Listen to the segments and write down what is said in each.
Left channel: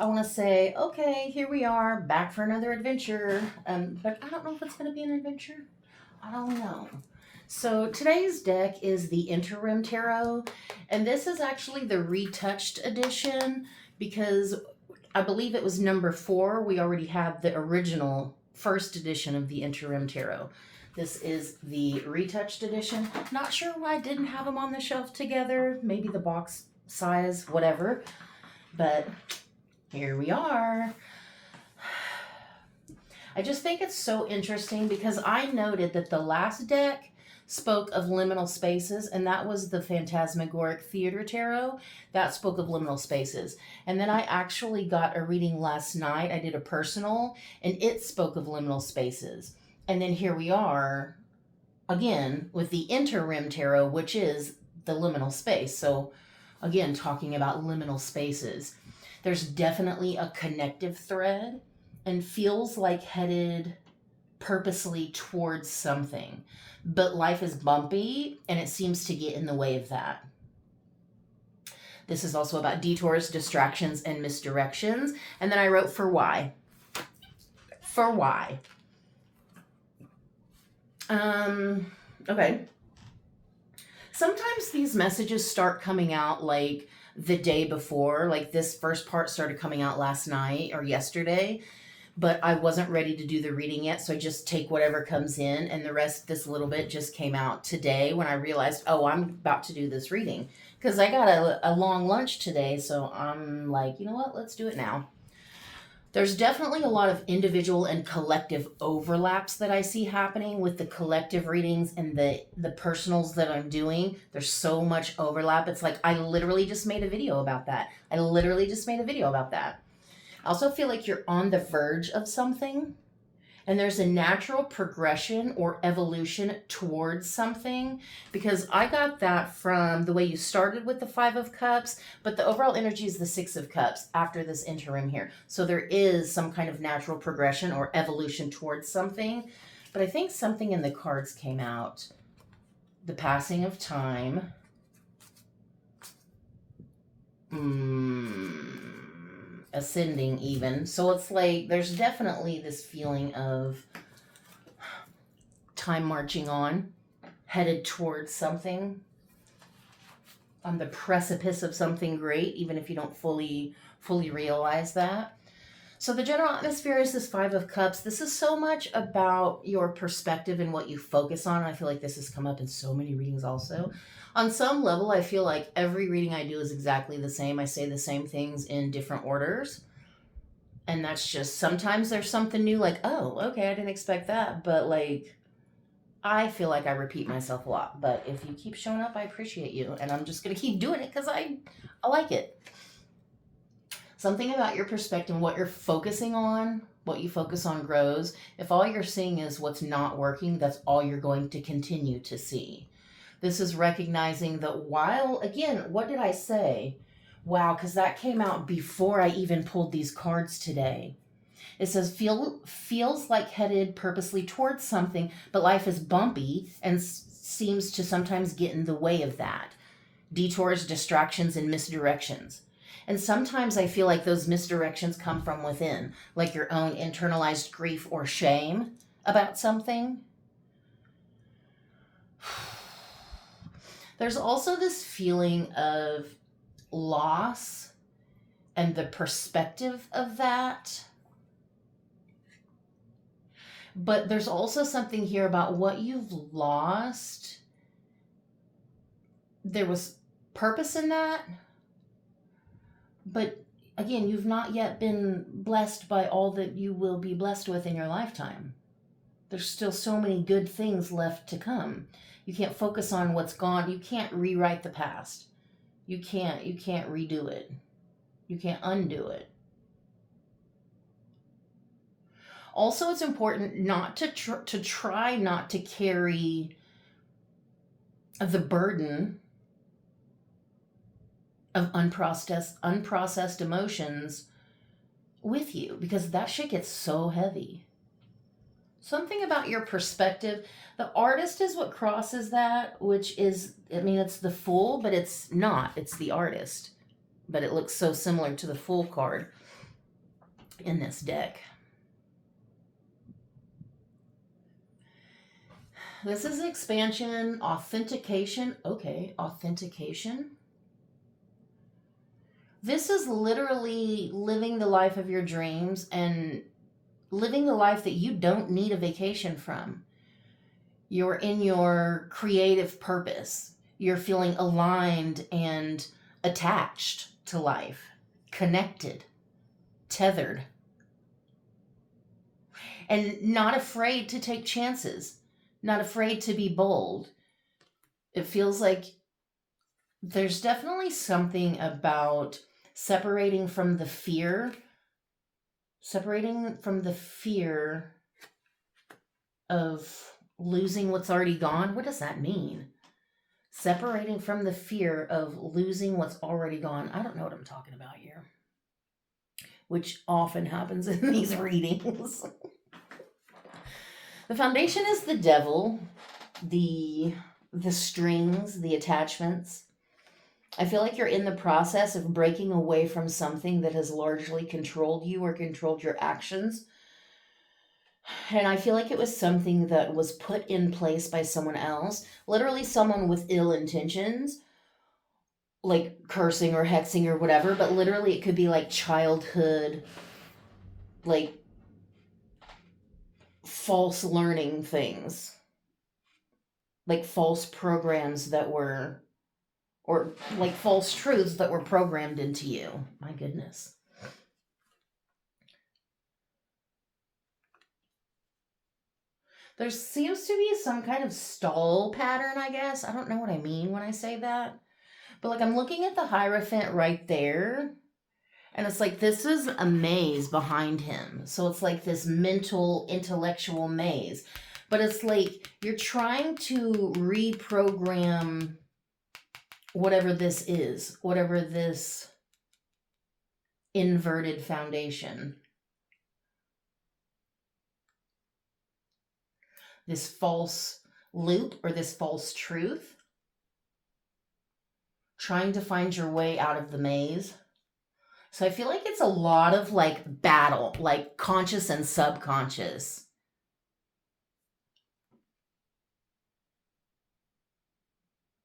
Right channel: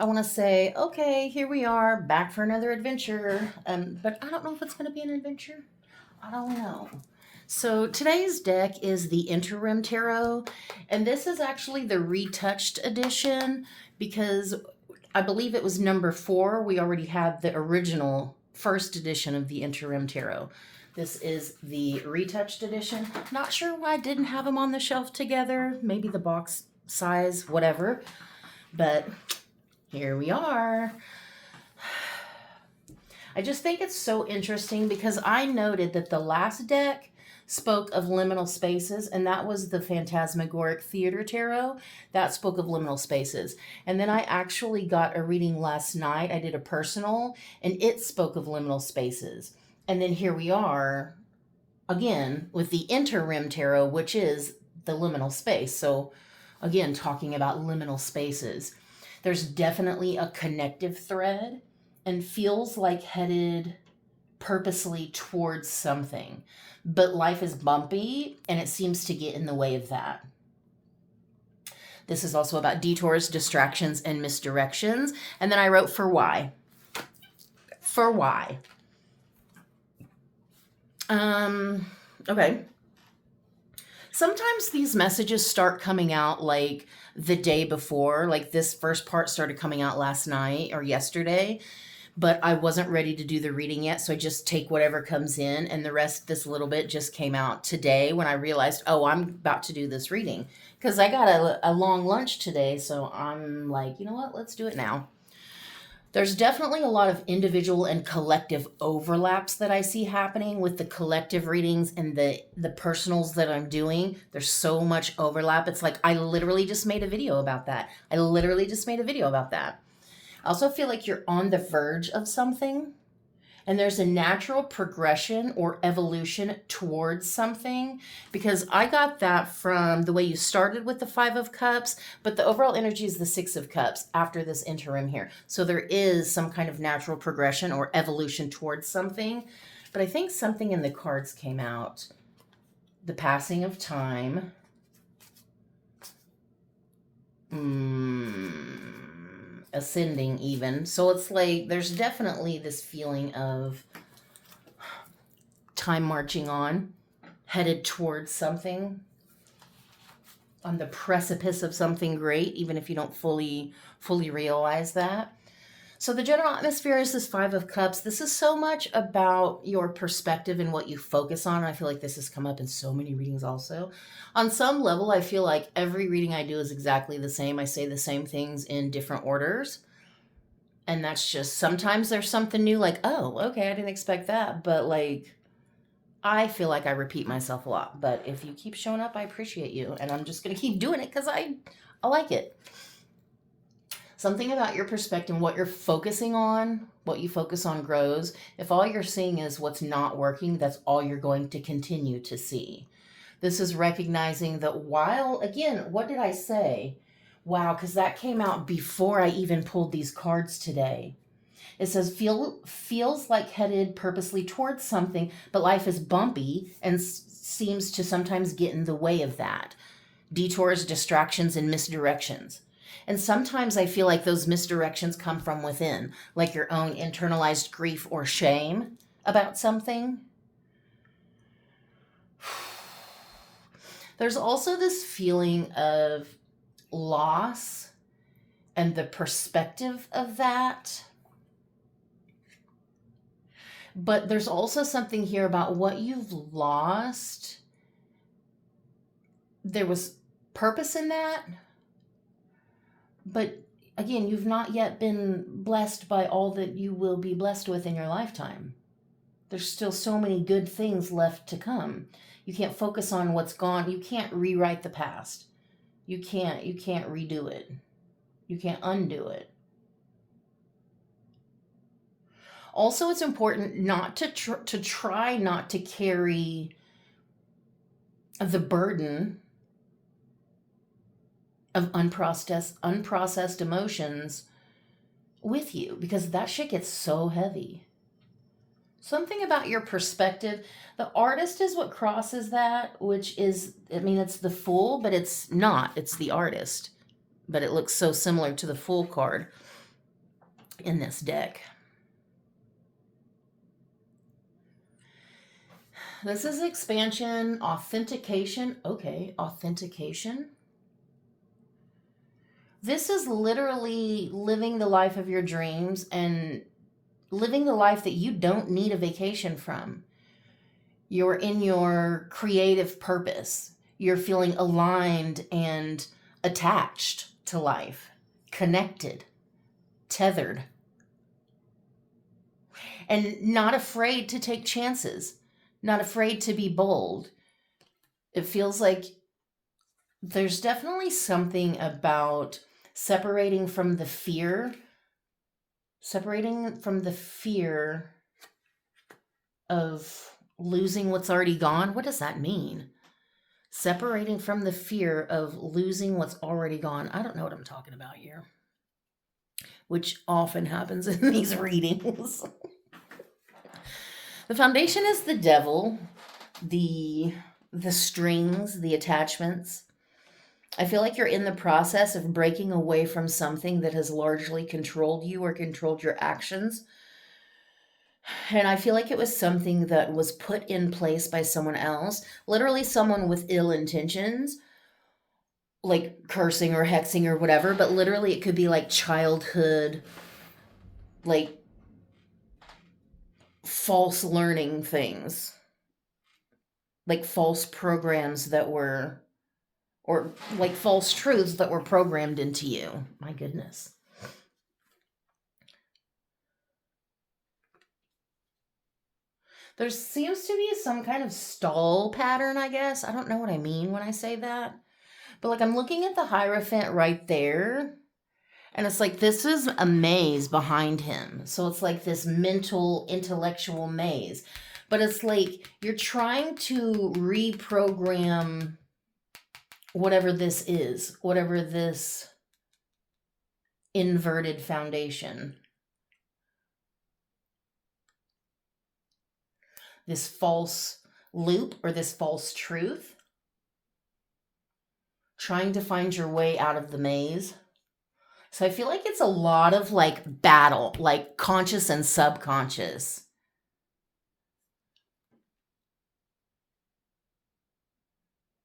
I want to say, okay, here we are, back for another adventure. But I don't know if it's going to be an adventure. I don't know. So today's deck is the Interim Tarot, and this is actually the retouched edition because I believe it was number 4. We already had the original first edition of the Interim Tarot. This is the retouched edition. Not sure why I didn't have them on the shelf together. Maybe the box size, whatever. But here we are. I just think it's so interesting because I noted that the last deck spoke of liminal spaces, and that was the Phantasmagoric Theater Tarot. That spoke of liminal spaces. And then I actually got a reading last night. I did a personal, and it spoke of liminal spaces. And then here we are again with the Interim Tarot, which is the liminal space. So again, talking about liminal spaces. There's definitely a connective thread and feels like headed purposely towards something. But life is bumpy and it seems to get in the way of that. This is also about detours, distractions, and misdirections. And then I wrote for why. For why. Okay. Sometimes these messages start coming out like the day before. Like this first part started coming out last night or yesterday, but I wasn't ready to do the reading yet, so I just take whatever comes in, and the rest, this little bit, just came out today when I realized, oh, I'm about to do this reading. Because I got a long lunch today, so I'm like, you know what, let's do it now. There's definitely a lot of individual and collective overlaps that I see happening with the collective readings and the personals that I'm doing. There's so much overlap. It's like I literally just made a video about that. I also feel like you're on the verge of something, and there's a natural progression or evolution towards something, because I got that from the way you started with the 5 of Cups, but the overall energy is the 6 of Cups after this interim here. So there is some kind of natural progression or evolution towards something. But I think something in the cards came out. The passing of time. Ascending even. So it's like there's definitely this feeling of time marching on, headed towards something, on the precipice of something great, even if you don't fully realize that. So the general atmosphere is this 5 of Cups. This is so much about your perspective and what you focus on. I feel like this has come up in so many readings also. On some level, I feel like every reading I do is exactly the same. I say the same things in different orders. And that's just, sometimes there's something new, like, oh, okay, I didn't expect that. But like, I feel like I repeat myself a lot. But if you keep showing up, I appreciate you. And I'm just going to keep doing it because I like it. Something about your perspective, what you're focusing on, what you focus on grows. If all you're seeing is what's not working, that's all you're going to continue to see. This is recognizing that while, again, what did I say? Wow, because that came out before I even pulled these cards today. It says, feels like headed purposely towards something, but life is bumpy and seems to sometimes get in the way of that. Detours, distractions, and misdirections. And sometimes I feel like those misdirections come from within, like your own internalized grief or shame about something. There's also this feeling of loss and the perspective of that. But there's also something here about what you've lost. There was purpose in that. But again, you've not yet been blessed by all that you will be blessed with in your lifetime. There's still so many good things left to come. You can't focus on what's gone. You can't rewrite the past. You can't redo it. You can't undo it. Also, it's important not to try not to carry the burden of unprocessed emotions with you, because that shit gets so heavy. Something about your perspective. The artist is what crosses that, which is, I mean, it's the Fool, but it's not. It's the artist. But it looks so similar to the Fool card. in this deck. This is expansion, authentication. Okay, authentication. This is literally living the life of your dreams and living the life that you don't need a vacation from. You're in your creative purpose. You're feeling aligned and attached to life, connected, tethered, and not afraid to take chances, not afraid to be bold. It feels like there's definitely something about separating from the fear of losing what's already gone. What does that mean? Separating from the fear of losing what's already gone. I don't know what I'm talking about here, which often happens in these readings. The foundation is the devil, the strings, the attachments. I feel like you're in the process of breaking away from something that has largely controlled you or controlled your actions. And I feel like it was something that was put in place by someone else, literally someone with ill intentions, like cursing or hexing or whatever, but literally it could be like childhood, like false learning things, like false programs that were, or like false truths that were programmed into you. My goodness. There seems to be some kind of stall pattern, I guess. I don't know what I mean when I say that. But like I'm looking at the Hierophant right there, and it's like this is a maze behind him. So it's like this mental, intellectual maze. But it's like you're trying to reprogram whatever this is, whatever this inverted foundation, this false loop or this false truth, trying to find your way out of the maze. So I feel like it's a lot of like battle, like conscious and subconscious.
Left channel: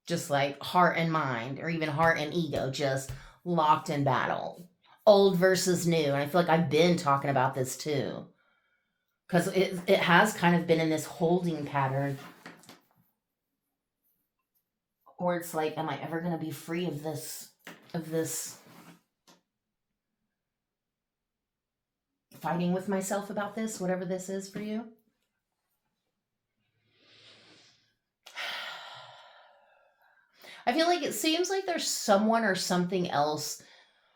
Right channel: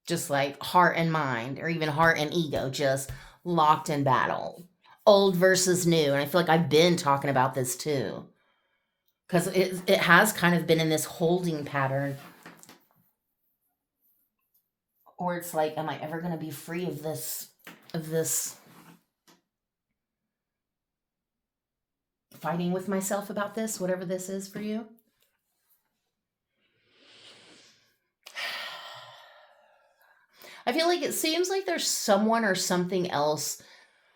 Just like heart and mind, or even heart and ego, just locked in battle. Old versus new. And I feel like I've been talking about this too. Because it has kind of been in this holding pattern. Or it's like, am I ever going to be free of this fighting with myself about this, whatever this is for you? I feel like it seems like there's someone or something else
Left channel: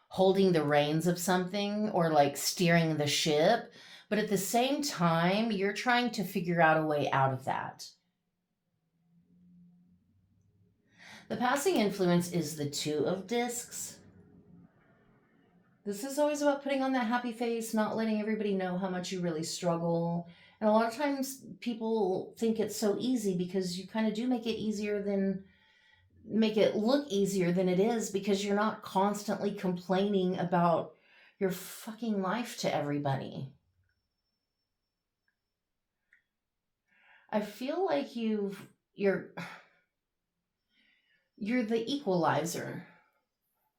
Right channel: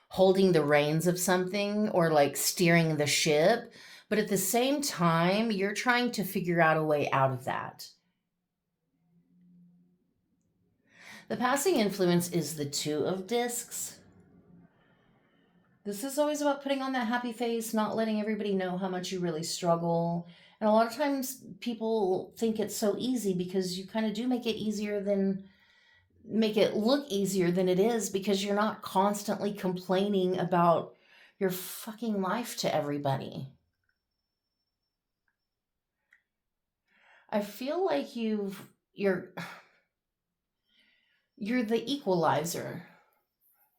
holding the reins of something or like steering the ship. But at the same time, you're trying to figure out a way out of that. The passing influence is the Two of Discs. This is always about putting on that happy face, not letting everybody know how much you really struggle. And a lot of times people think it's so easy because you kind of do make it look easier than it is, because you're not constantly complaining about your fucking life to everybody. I feel like you're the equalizer,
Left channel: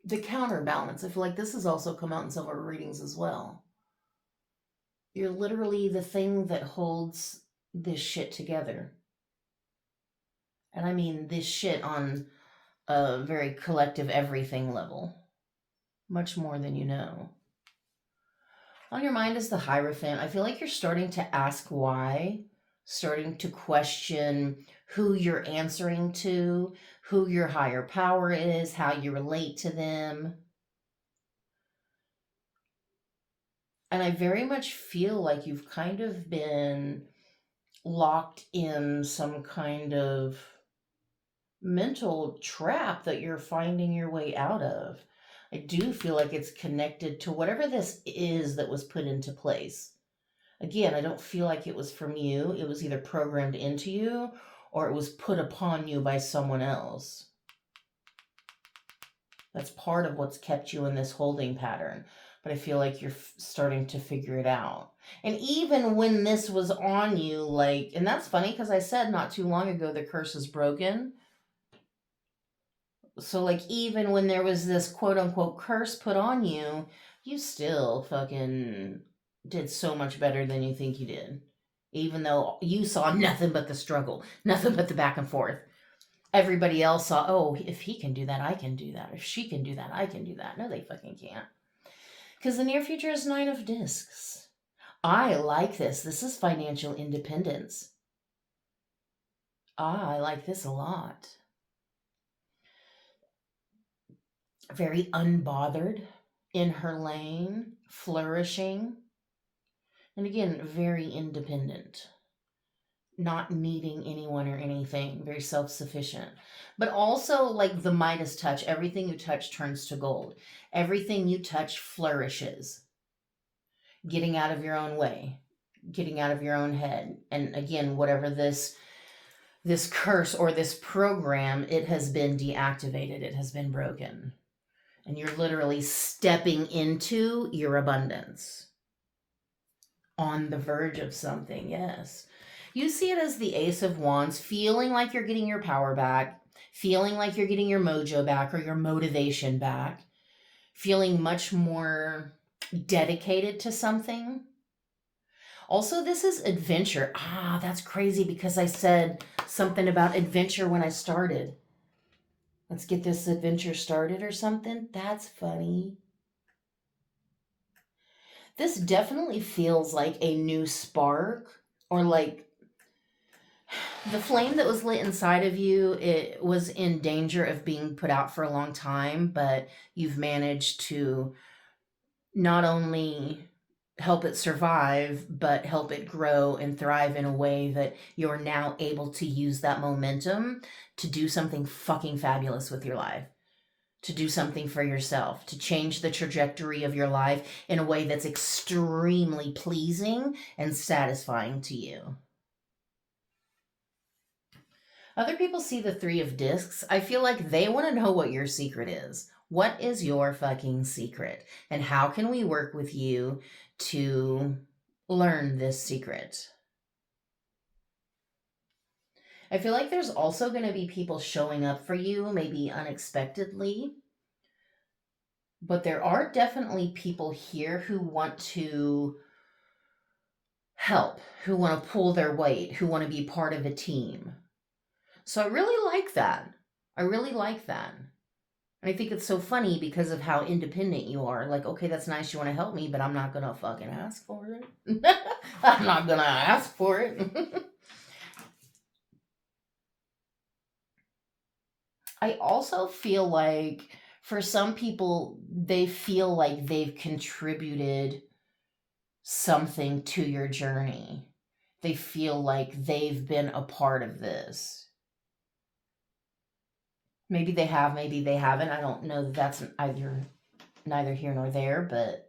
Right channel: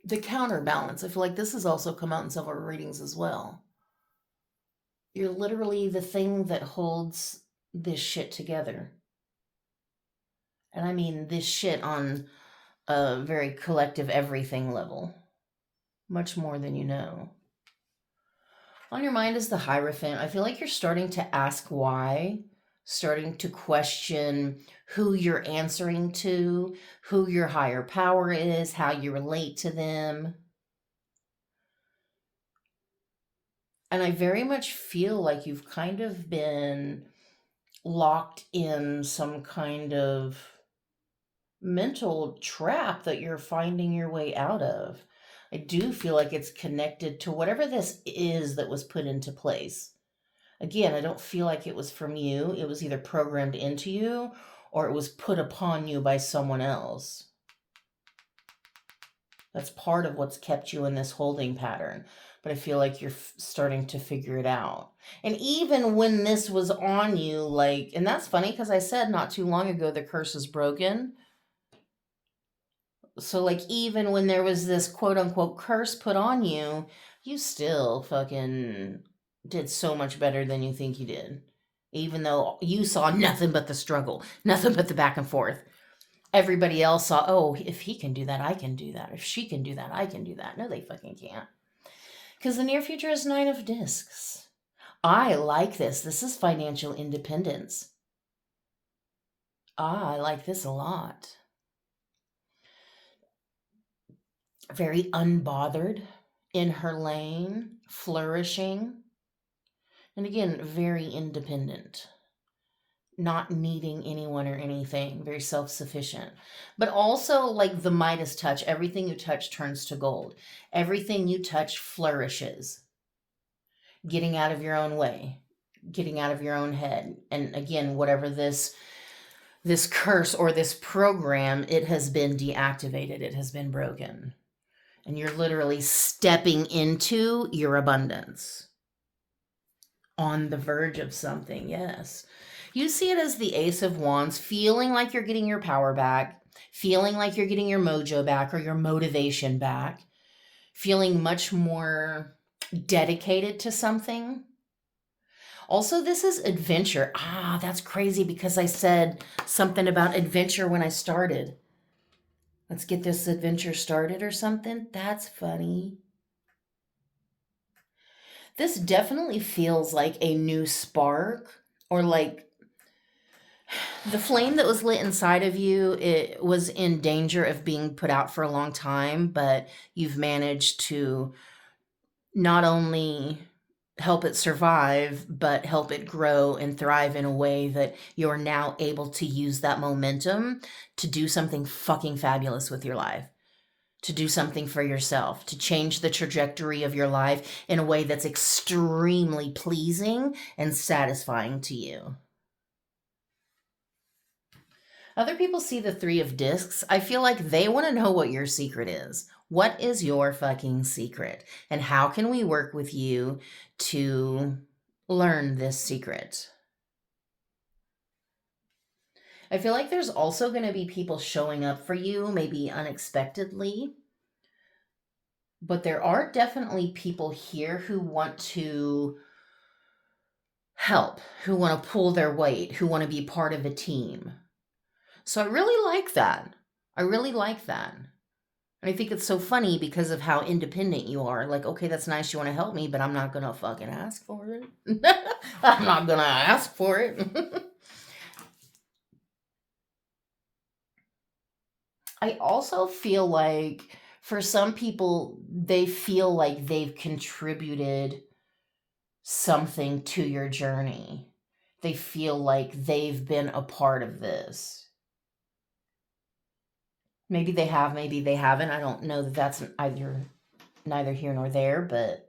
the counterbalance. I feel like this has also come out in several readings as well. You're literally the thing that holds this shit together. And I mean this shit on a very collective everything level. Much more than you know. On your mind is the Hierophant. I feel like you're starting to ask why, starting to question who you're answering to, who your higher power is, how you relate to them. And I very much feel like you've kind of been locked in some kind of mental trap that you're finding your way out of. I do feel like it's connected to whatever this is that was put into place. Again, I don't feel like it was from you. It was either programmed into you or it was put upon you by someone else. That's part of what's kept you in this holding pattern. but I feel like you're starting to figure it out. And even when this was on you, like, and that's funny because I said not too long ago the curse is broken. So, like, even when there was this quote unquote curse put on you, you still fucking did so much better than you think you did. Even though you saw nothing but the struggle, nothing but the back and forth. Everybody else saw, oh, if he can do that, I can do that. If she can do that, I can do that. No, they fucking can't. Because the near future is 9 of discs. I like this. This is financial independence. I like this a lot. Very unbothered, in her lane, flourishing. And again, very independent. Not needing anyone or anything, very self sufficient. But also, like the Midas touch, everything you touch turns to gold. Everything you touch flourishes. Getting out of your own way, getting out of your own head. And again, whatever this curse or this program, it has been deactivated, it has been broken. And you're literally stepping into your abundance. On the verge of something, yes. You see it as the Ace of Wands, feeling like you're getting your power back, feeling like you're getting your mojo back or your motivation back, feeling much more dedicated to something. Also, this is adventure. That's crazy because I said something about adventure when I started. Let's get this adventure started or something. That's funny. This definitely feels like a new spark, or like the flame that was lit inside of you, it was in danger of being put out for a long time, but you've managed to not only help it survive, but help it grow and thrive in a way that you're now able to use that momentum to do something fucking fabulous with your life, to do something for yourself, to change the trajectory of your life in a way that's extremely pleasing and satisfying to you. Other people see the 3 of discs. I feel like they want to know what your secret is. What is your fucking secret? And how can we work with you to learn this secret? I feel like there's also going to be people showing up for you, maybe unexpectedly. But there are definitely people here who want to help, who want to pull their weight, who want to be part of a team. So I really like that. I really like that. And I think it's so funny because of how independent you are. Like, okay, that's nice, you want to help me, but I'm not going to fucking ask for it. I'm not going to ask for it. I also feel like for some people, they feel like they've contributed something to your journey. They feel like they've been a part of this. Maybe they have, maybe they haven't. I don't know that that's neither here nor there, but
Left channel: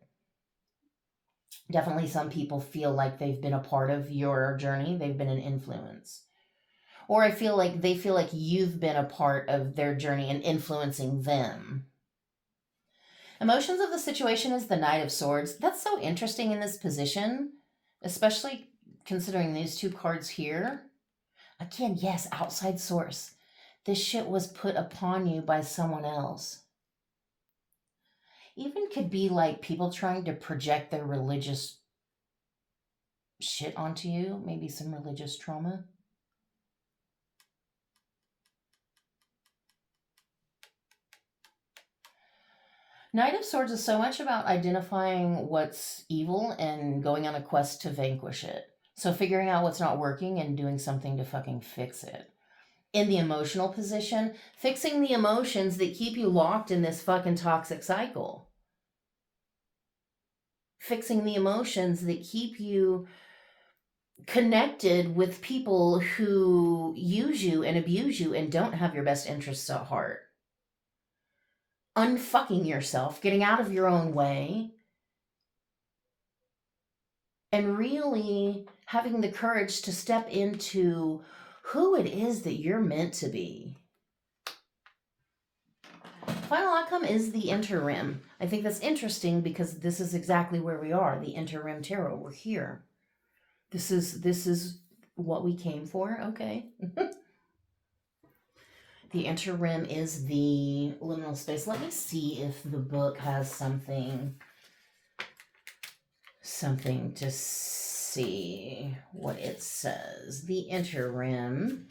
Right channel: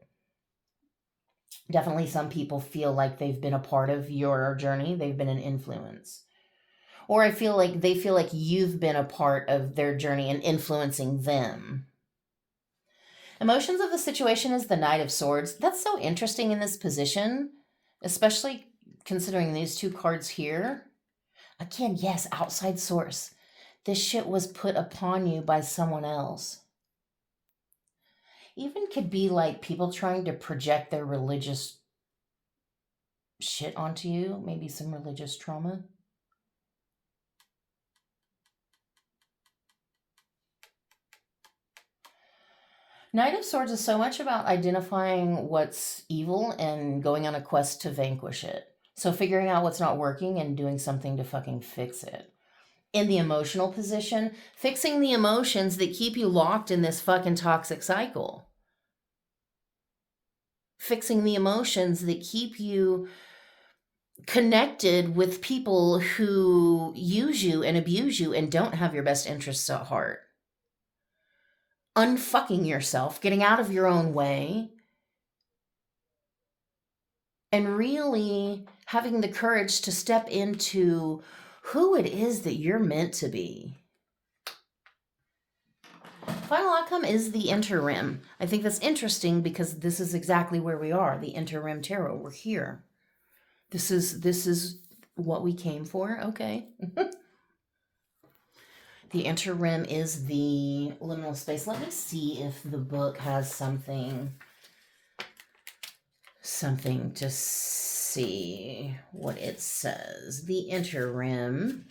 definitely some people feel like they've been a part of your journey. They've been an influence. Or I feel like they feel like you've been a part of their journey and influencing them. Emotions of the situation is the Knight of Swords. That's so interesting in this position, especially considering these 2 cards here. Again, yes, outside source. This shit was put upon you by someone else. Even could be like people trying to project their religious shit onto you, maybe some religious trauma. Knight of Swords is so much about identifying what's evil and going on a quest to vanquish it. So figuring out what's not working and doing something to fucking fix it. In the emotional position, fixing the emotions that keep you locked in this fucking toxic cycle. Fixing the emotions that keep you connected with people who use you and abuse you and don't have your best interests at heart. Unfucking yourself, getting out of your own way, and really having the courage to step into who it is that you're meant to be. Final outcome is the interim. I think that's interesting because this is exactly where we are. The interim tarot. We're here. This is what we came for. Okay. The interim is the liminal space. Let me see if the book has something to see what it says. The interim.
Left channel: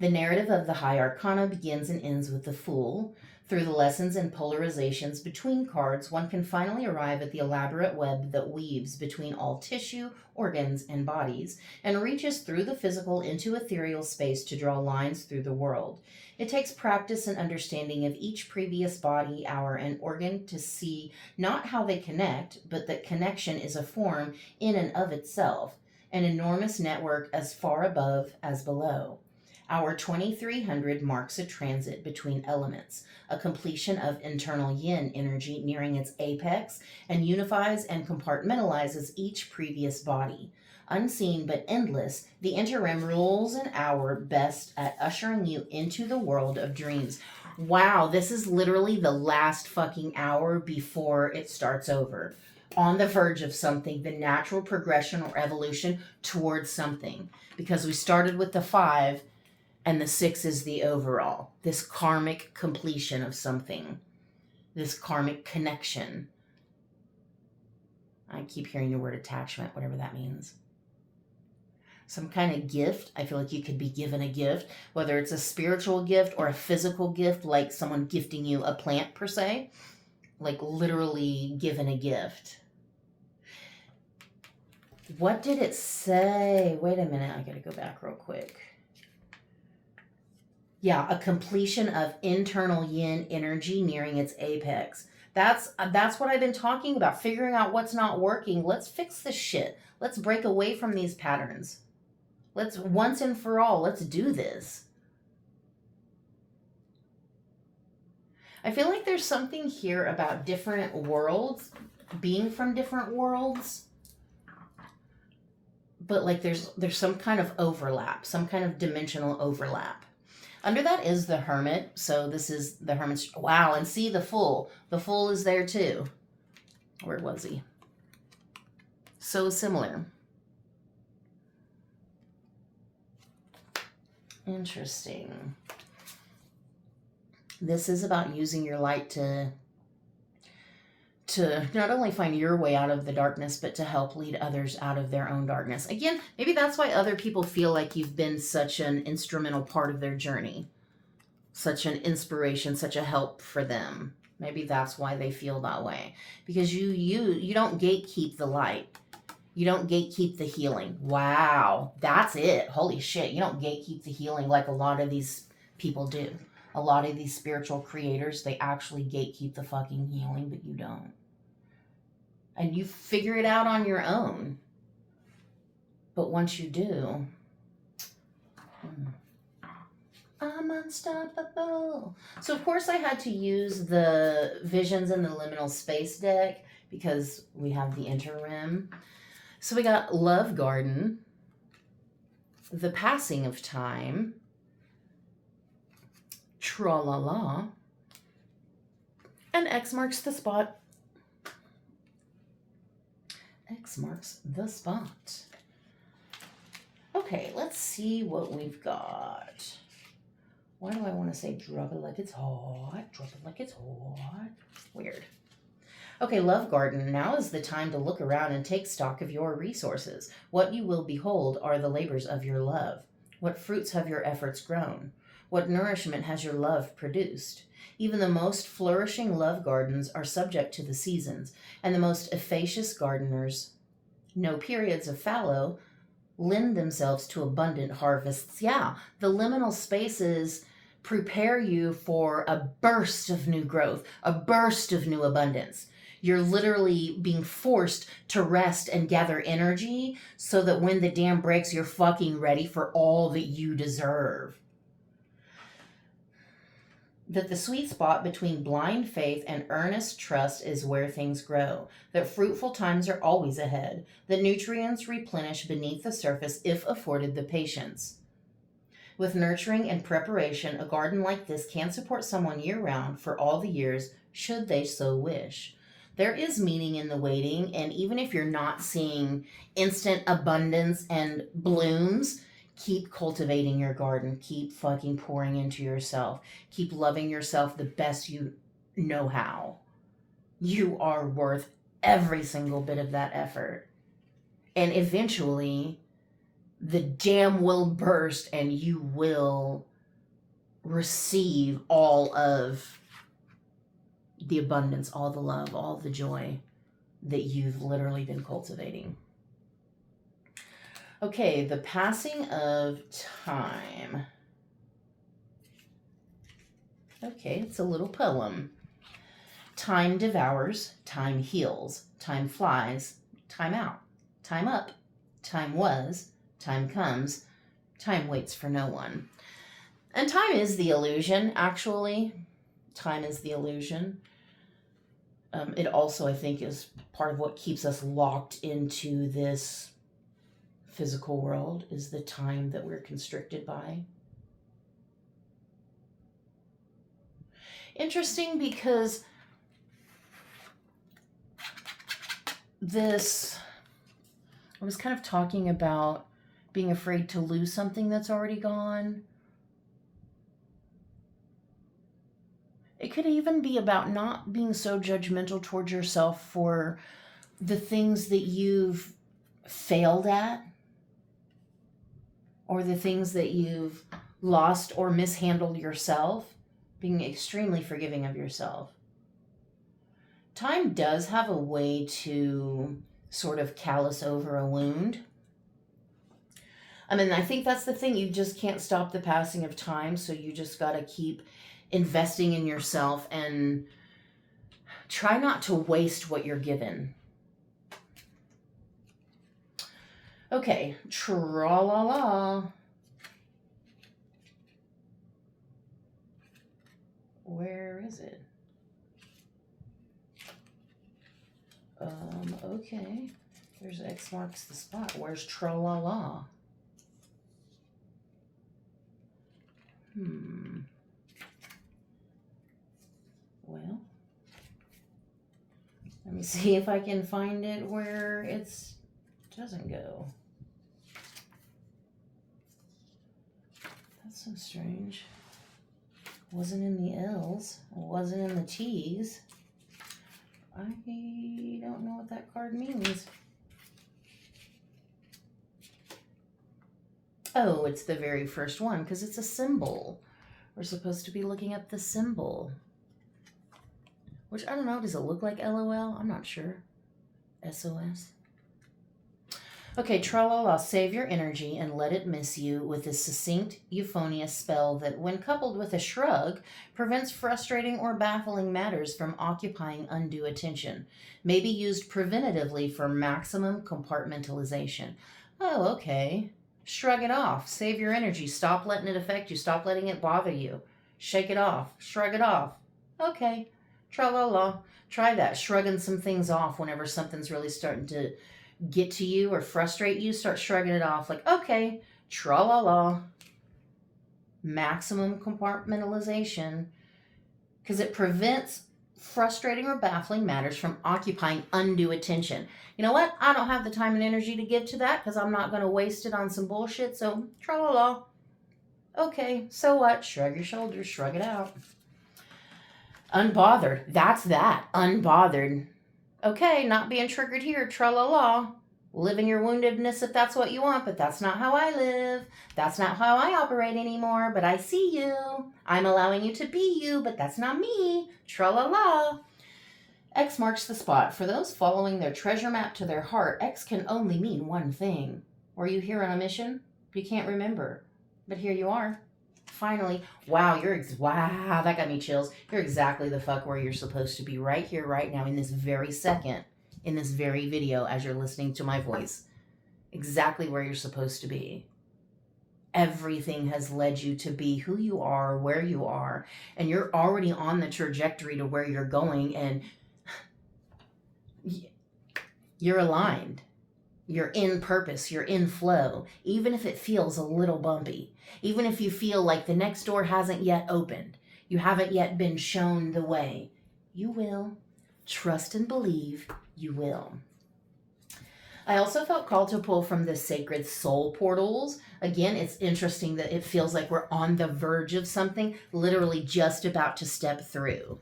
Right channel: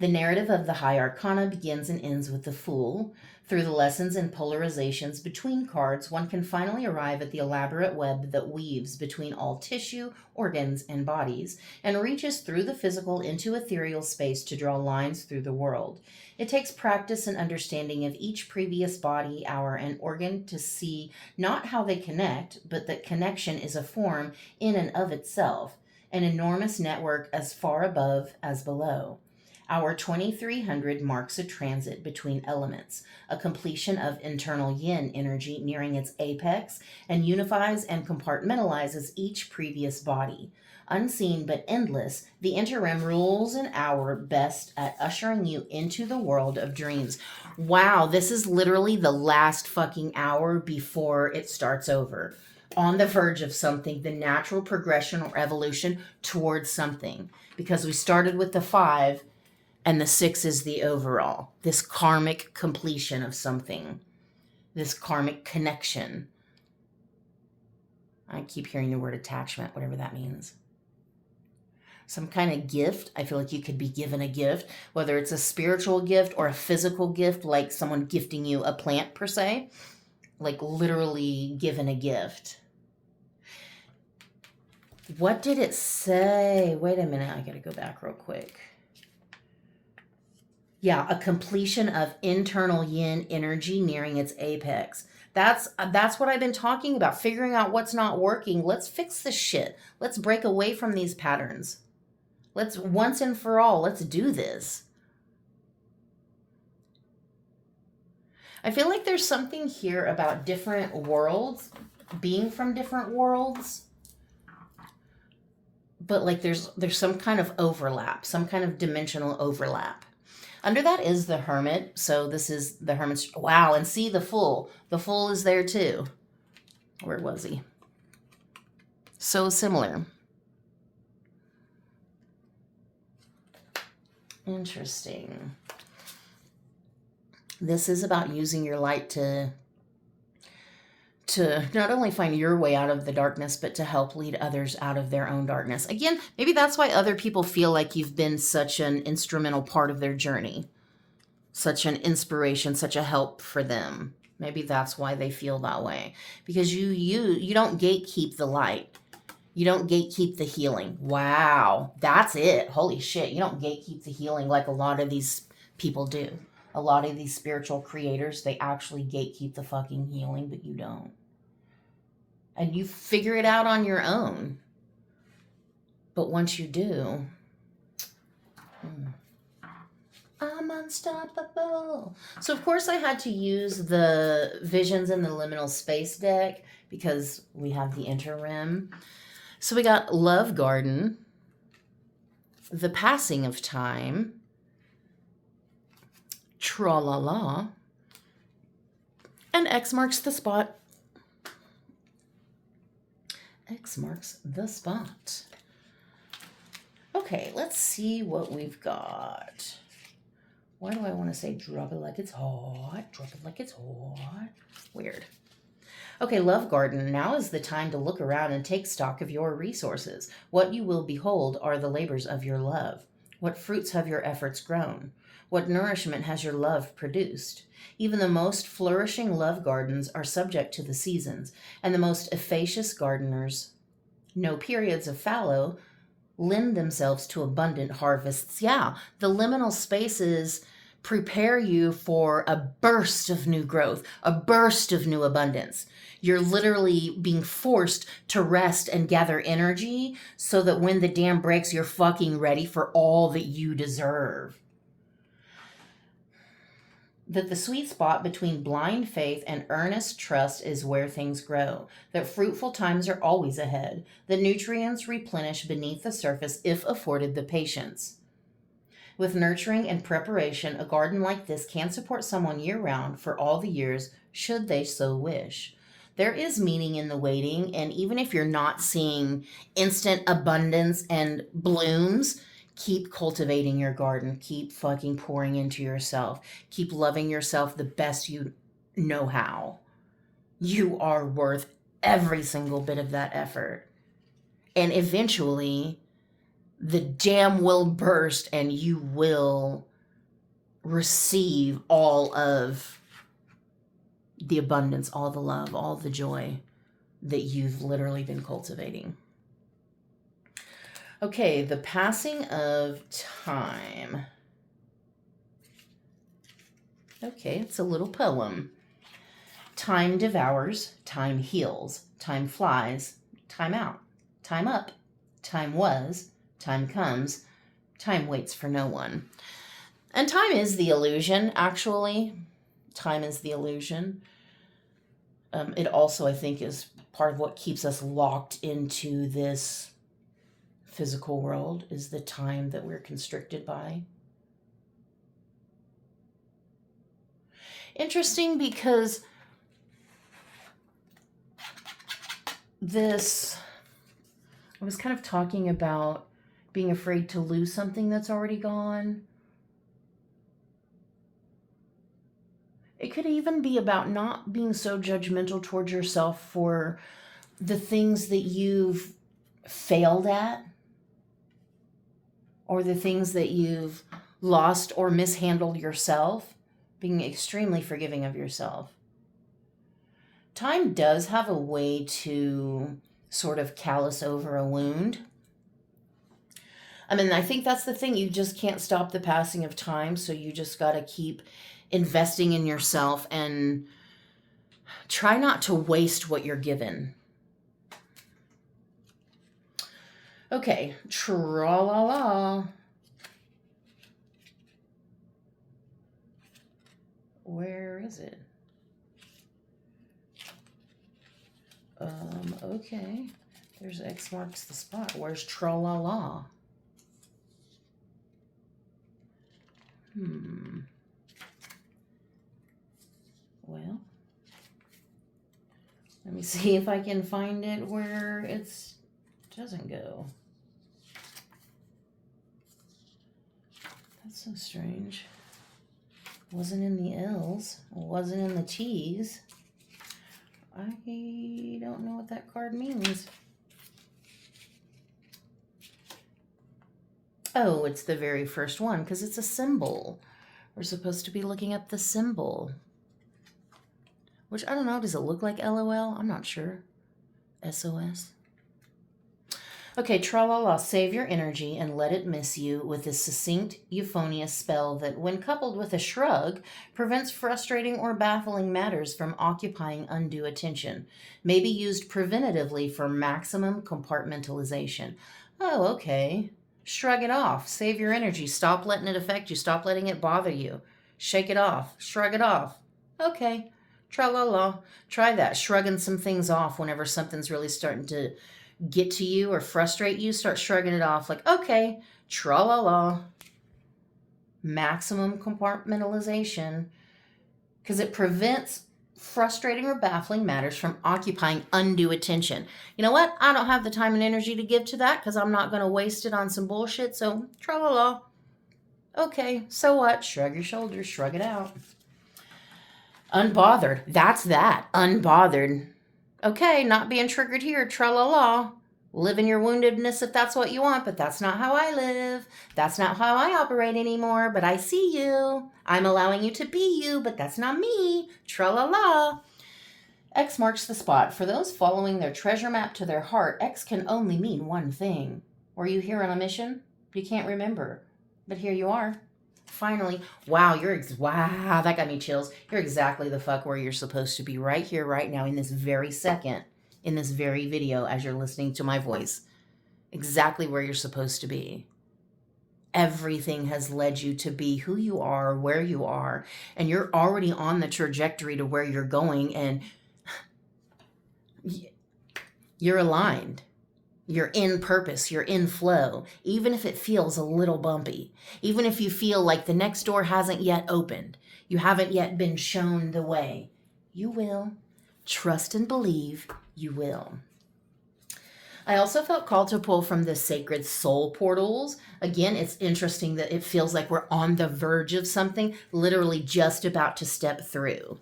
The narrative of the High Arcana begins and ends with the Fool. Through the lessons and polarizations between cards, one can finally arrive at the elaborate web that weaves between all tissue, organs, and bodies, and reaches through the physical into ethereal space to draw lines through the world. It takes practice and understanding of each previous body, hour, and organ to see not how they connect, but that connection is a form in and of itself, an enormous network as far above as below. Our 2300 marks a transit between elements, a completion of internal yin energy nearing its apex, and unifies and compartmentalizes each previous body. Unseen but endless, the interim rules an hour best at ushering you into the world of dreams. Wow, this is literally the last fucking hour before it starts over. On the verge of something, the natural progression or evolution towards something. Because we started with the 5, and the 6 is the overall. This karmic completion of something. This karmic connection. I keep hearing the word attachment, whatever that means. Some kind of gift. I feel like you could be given a gift, whether it's a spiritual gift or a physical gift, like someone gifting you a plant per se. Like literally given a gift. What did it say? Wait a minute. I gotta go back real quick. Yeah, a completion of internal yin energy nearing its apex. That's what I've been talking about, figuring out what's not working. Let's fix this shit. Let's break away from these patterns. Let's once and for all, let's do this. I feel like there's something here about different worlds, being from different worlds. But like there's some kind of overlap, some kind of dimensional overlap. Under that is the Hermit. So this is the Hermit's. Wow, and see the Fool. The Fool is there too. Where was he? So similar. Interesting. This is about using your light to not only find your way out of the darkness, but to help lead others out of their own darkness. Again, maybe that's why other people feel like you've been such an instrumental part of their journey, such an inspiration, such a help for them. Maybe that's why they feel that way, because you don't gatekeep the light. You don't gatekeep the healing. Wow, that's it. Holy shit, you don't gatekeep the healing like a lot of these people do. A lot of these spiritual creators, they actually gatekeep the fucking healing, but you don't. And you figure it out on your own. But once you do, I'm unstoppable. So of course I had to use the Visions in the Liminal Space deck because we have the interim. So we got Love Garden, The Passing of Time, Tra-la-la, and X marks the spot. X marks the spot. Okay, let's see what we've got. Why do I want to say drop it like it's hot? Drop it like it's hot. Weird. Okay, Love Garden. Now is the time to look around and take stock of your resources. What you will behold are the labors of your love. What fruits have your efforts grown? What nourishment has your love produced? Even the most flourishing love gardens are subject to the seasons, and the most efficacious gardeners, no periods of fallow, lend themselves to abundant harvests. Yeah, the liminal spaces prepare you for a burst of new growth, a burst of new abundance. You're literally being forced to rest and gather energy so that when the dam breaks, you're fucking ready for all that you deserve. That the sweet spot between blind faith and earnest trust is where things grow, that fruitful times are always ahead, that nutrients replenish beneath the surface if afforded the patience. With nurturing and preparation, a garden like this can support someone year-round for all the years, should they so wish. There is meaning in the waiting, and even if you're not seeing instant abundance and blooms, keep cultivating your garden. Keep fucking pouring into yourself. Keep loving yourself the best you know how. You are worth every single bit of that effort. And eventually, the dam will burst and you will receive all of the abundance, all the love, all the joy that you've literally been cultivating. Okay, the passing of time. Okay, it's a little poem. Time devours, time heals, time flies, time out, time up, time was, time comes, time waits for no one. And time is the illusion, actually. Time is the illusion. It also, I think, is part of what keeps us locked into this physical world, is the time that we're constricted by. Interesting, because I was kind of talking about being afraid to lose something that's already gone. It could even be about not being so judgmental towards yourself for the things that you've failed at, or the things that you've lost or mishandled yourself, being extremely forgiving of yourself. Time does have a way to sort of callous over a wound. I mean, I think that's the thing. You just can't stop the passing of time, so you just got to keep investing in yourself and try not to waste what you're given. Okay, tra-la-la. Where is it? Okay. There's X marks the spot. Where's tra-la-la? Well, let me see if I can find it where it doesn't go. That's so strange. Wasn't in the L's. Wasn't in the T's. I don't know what that card means. Oh, it's the very first one because it's a symbol. We're supposed to be looking at the symbol. Which, I don't know, does it look like LOL? I'm not sure. SOS. Okay, tra-la-la, save your energy and let it miss you with a succinct, euphonious spell that, when coupled with a shrug, prevents frustrating or baffling matters from occupying undue attention. May be used preventatively for maximum compartmentalization. Oh, okay. Shrug it off. Save your energy. Stop letting it affect you. Stop letting it bother you. Shake it off. Shrug it off. Okay. Tra-la-la. Try that. Shrugging some things off whenever something's really starting to get to you or frustrate you. Start shrugging it off. Like, okay, tra-la-la. Maximum compartmentalization. Because it prevents frustrating or baffling matters from occupying undue attention. You know what? I don't have the time and energy to give to that because I'm not going to waste it on some bullshit. So, tra-la-la. Okay, so what? Shrug your shoulders. Shrug it out. Unbothered. That's that. Unbothered. Okay, not being triggered here. Tra-la-la. Live in your woundedness if that's what you want, but that's not how I live. That's not how I operate anymore, but I see you. I'm allowing you to be you, but that's not me. Tra-la-la. X marks the spot. For those following their treasure map to their heart, X can only mean one thing. Were you here on a mission? You can't remember, but here you are. Finally. Wow, wow, that got me chills. You're exactly the fuck where you're supposed to be, right here, right now, in this very second, in this very video, as you're listening to my voice. Exactly where you're supposed to be. Everything has led you to be who you are, where you are, and you're already on the trajectory to where you're going, and you're aligned. You're in purpose, you're in flow, even if it feels a little bumpy, even if you feel like the next door hasn't yet opened, you haven't yet been shown the way. You will. Trust and believe you will. I also felt called to pull from the sacred soul portals. Again, it's interesting that it feels like we're on the verge of something, literally just about to step through.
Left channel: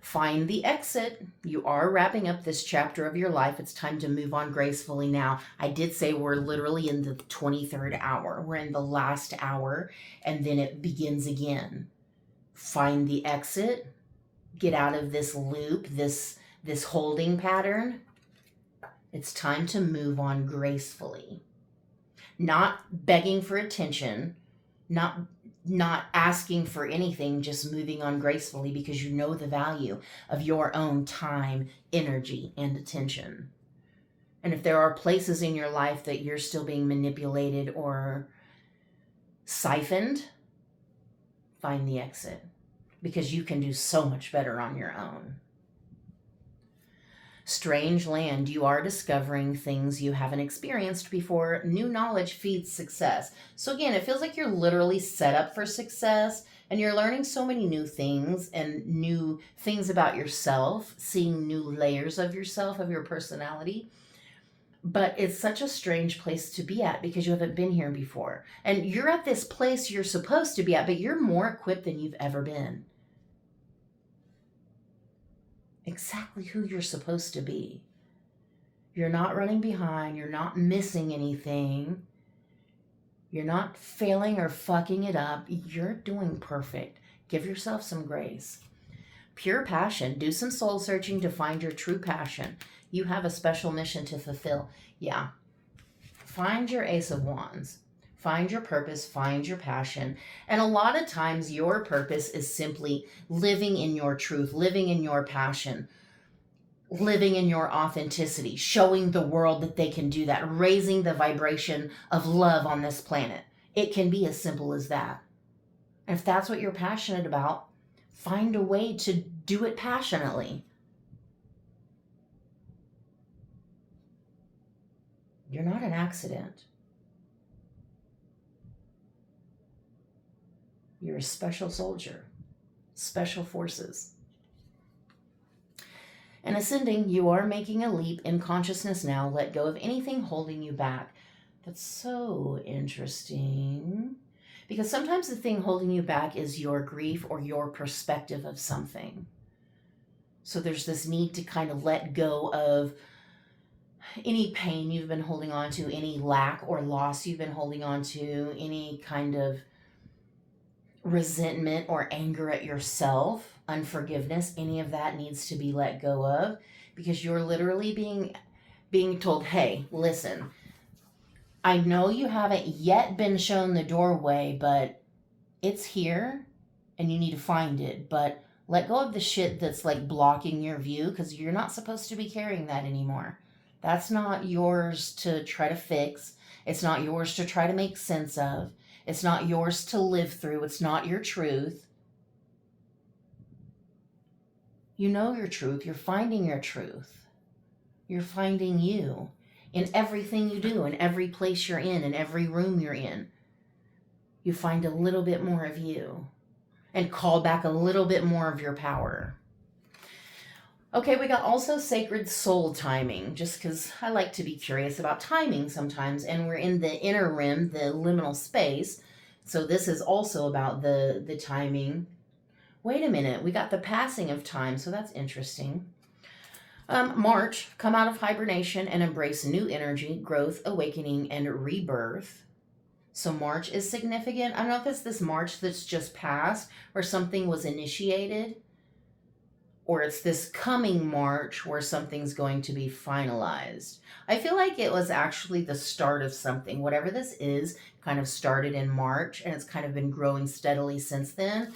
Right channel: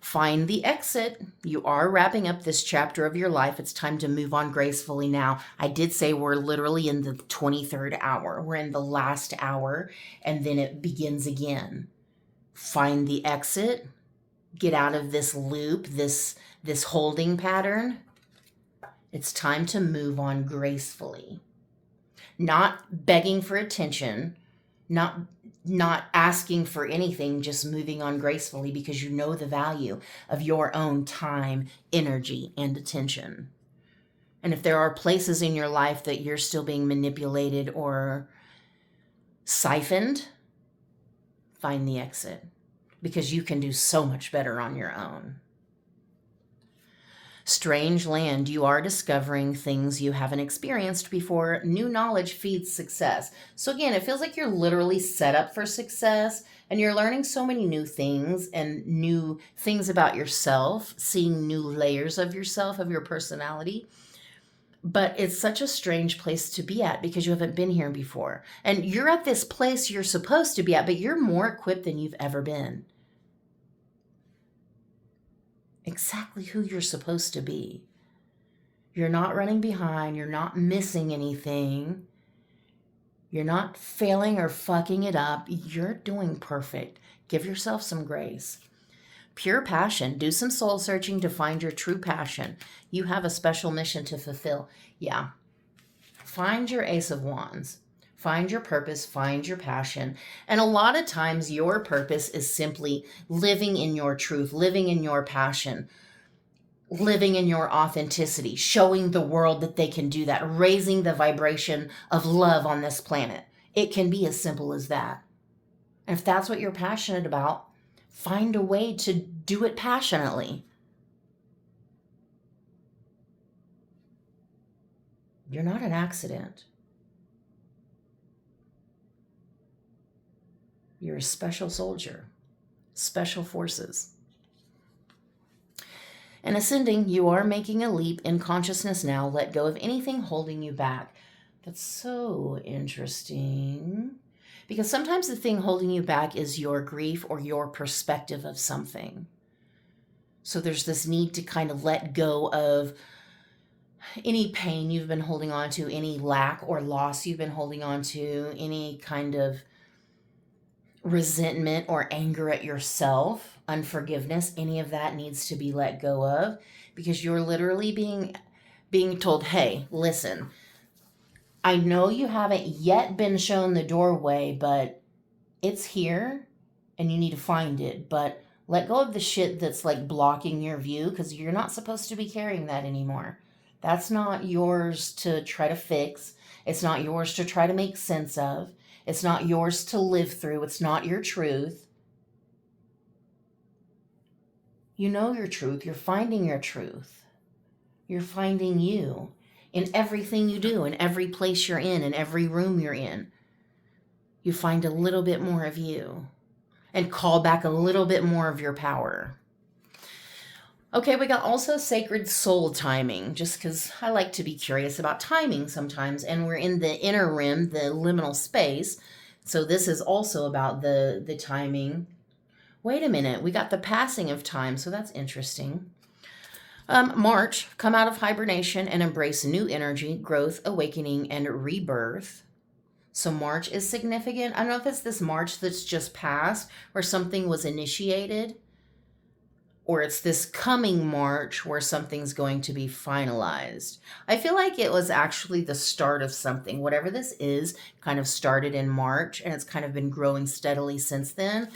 Find the exit. You are wrapping up this chapter of your life. It's time to move on gracefully now. I did say we're literally in the 23rd hour. We're in the last hour, and then it begins again. Find the exit. Get out of this loop, this holding pattern. It's time to move on gracefully. Not begging for attention, not asking for anything, just moving on gracefully because you know the value of your own time, energy, and attention. And if there are places in your life that you're still being manipulated or siphoned, find the exit because you can do so much better on your own. Strange land, you are discovering things you haven't experienced before. New knowledge feeds success. So again, it feels like you're literally set up for success and you're learning so many new things and new things about yourself, seeing new layers of yourself, of your personality. But it's such a strange place to be at because you haven't been here before. And you're at this place you're supposed to be at, but you're more equipped than you've ever been. Exactly who you're supposed to be. You're not running behind. You're not missing anything. You're not failing or fucking it up. You're doing perfect. Give yourself some grace. Pure passion. Do some soul searching to find your true passion. You have a special mission to fulfill. Yeah. Find your Ace of Wands. Find your purpose, find your passion. And a lot of times your purpose is simply living in your truth, living in your passion, living in your authenticity, showing the world that they can do that, raising the vibration of love on this planet. It can be as simple as that. And if that's what you're passionate about, find a way to do it passionately. You're not an accident. You're a special soldier, special forces. And ascending, you are making a leap in consciousness now. Let go of anything holding you back. That's so interesting. Because sometimes the thing holding you back is your grief or your perspective of something. So there's this need to kind of let go of any pain you've been holding on to, any lack or loss you've been holding on to, any kind of resentment or anger at yourself, unforgiveness, any of that needs to be let go of because you're literally being told, hey, listen, I know you haven't yet been shown the doorway, but it's here and you need to find it. But let go of the shit that's like blocking your view because you're not supposed to be carrying that anymore. That's not yours to try to fix. It's not yours to try to make sense of. It's not yours to live through. It's not your truth. You know your truth. You're finding your truth. You're finding you in everything you do, in every place you're in every room you're in. You find a little bit more of you and call back a little bit more of your power. Okay, we got also sacred soul timing, just because I like to be curious about timing sometimes, and we're in the inner rim, the liminal space, so this is also about the timing. Wait a minute, we got the passing of time, so that's interesting. March, come out of hibernation and embrace new energy, growth, awakening, and rebirth. So March is significant. I don't know if it's this March that's just passed or something was initiated, or it's this coming March where something's going to be finalized. I feel like it was actually the start of something. Whatever this is kind of started in March, and it's kind of been growing steadily since then.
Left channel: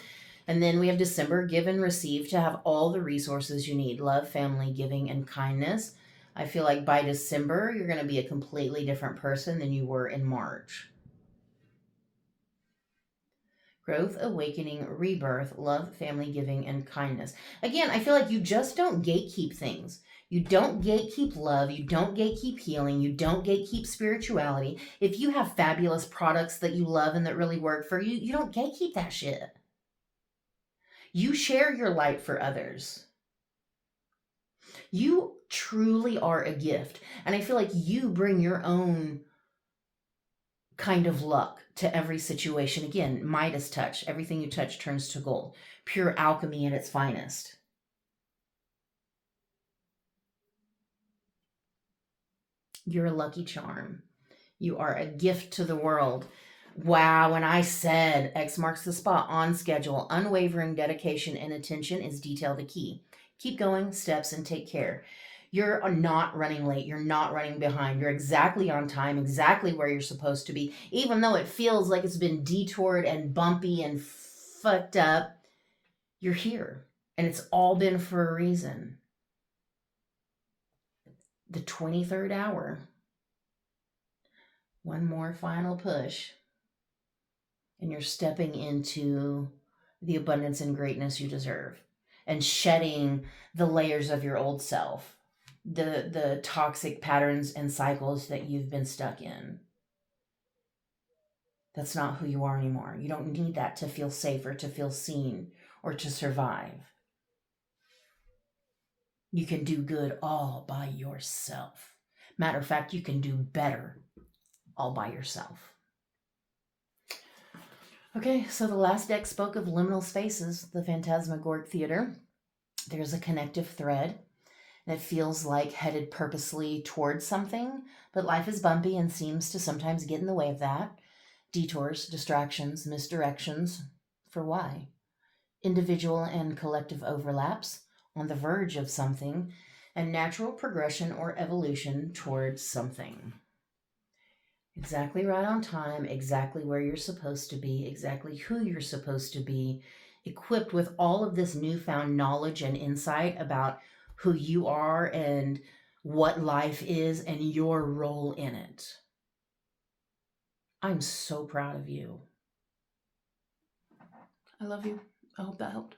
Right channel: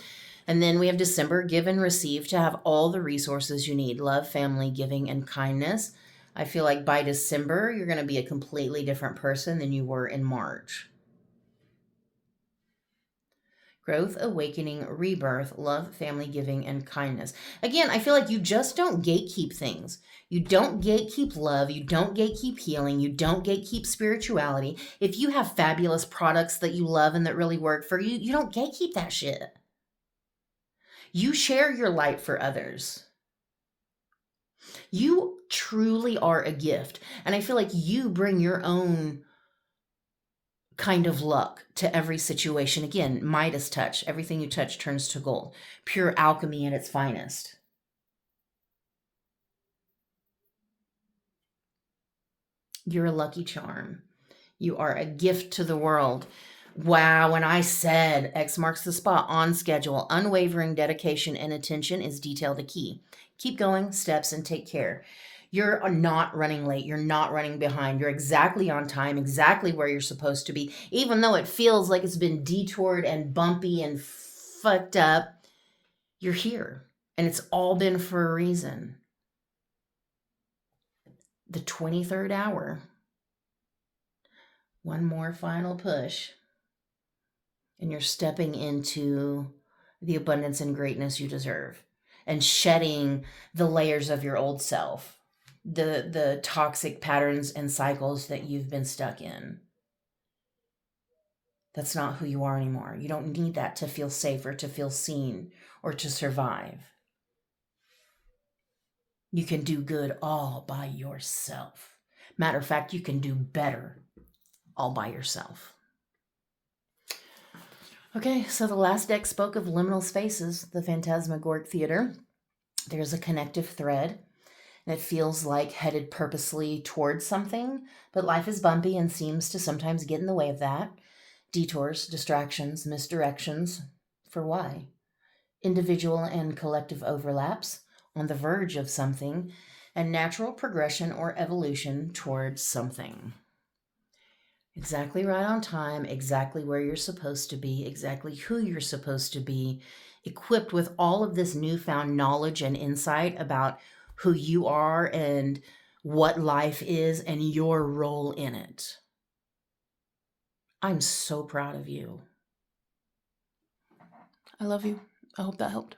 And then we have December, give and receive, to have all the resources you need: love, family, giving, and kindness. I feel like by December, you're going to be a completely different person than you were in March. growth, awakening, rebirth, love, family, giving, and kindness. Again, I feel like you just don't gatekeep things. You don't gatekeep love. You don't gatekeep healing. You don't gatekeep spirituality. If you have fabulous products that you love and that really work for you, you don't gatekeep that shit. You share your light for others. You truly are a gift. And I feel like you bring your own kind of luck to every situation. Again, Midas touch. Everything you touch turns to gold. Pure alchemy at its finest. You're a lucky charm. You are a gift to the world. Wow, when I said X marks the spot, on schedule, unwavering dedication and attention is detail the key. Keep going, steps, and take care. You're not running late. You're not running behind. You're exactly on time, exactly where you're supposed to be. Even though it feels like it's been detoured and bumpy and fucked up, you're here. And it's all been for a reason. The 23rd hour. One more final push. And you're stepping into the abundance and greatness you deserve and shedding the layers of your old self, the toxic patterns and cycles that you've been stuck in. That's not who you are anymore. You don't need that to feel safe or to feel seen or to survive. You can do good all by yourself. Matter of fact, you can do better all by yourself. Okay, so the last deck spoke of liminal spaces, the phantasmagoric theater. There's a connective thread that feels like headed purposely towards something, but life is bumpy and seems to sometimes get in the way of that. Detours, distractions, misdirections. For why? Individual and collective overlaps on the verge of something, and natural progression or evolution towards something. Exactly right on time, exactly where you're supposed to be, exactly who you're supposed to be, equipped with all of this newfound knowledge and insight about who you are and what life is and your role in it. I'm so proud of you. I love you. I hope that helped.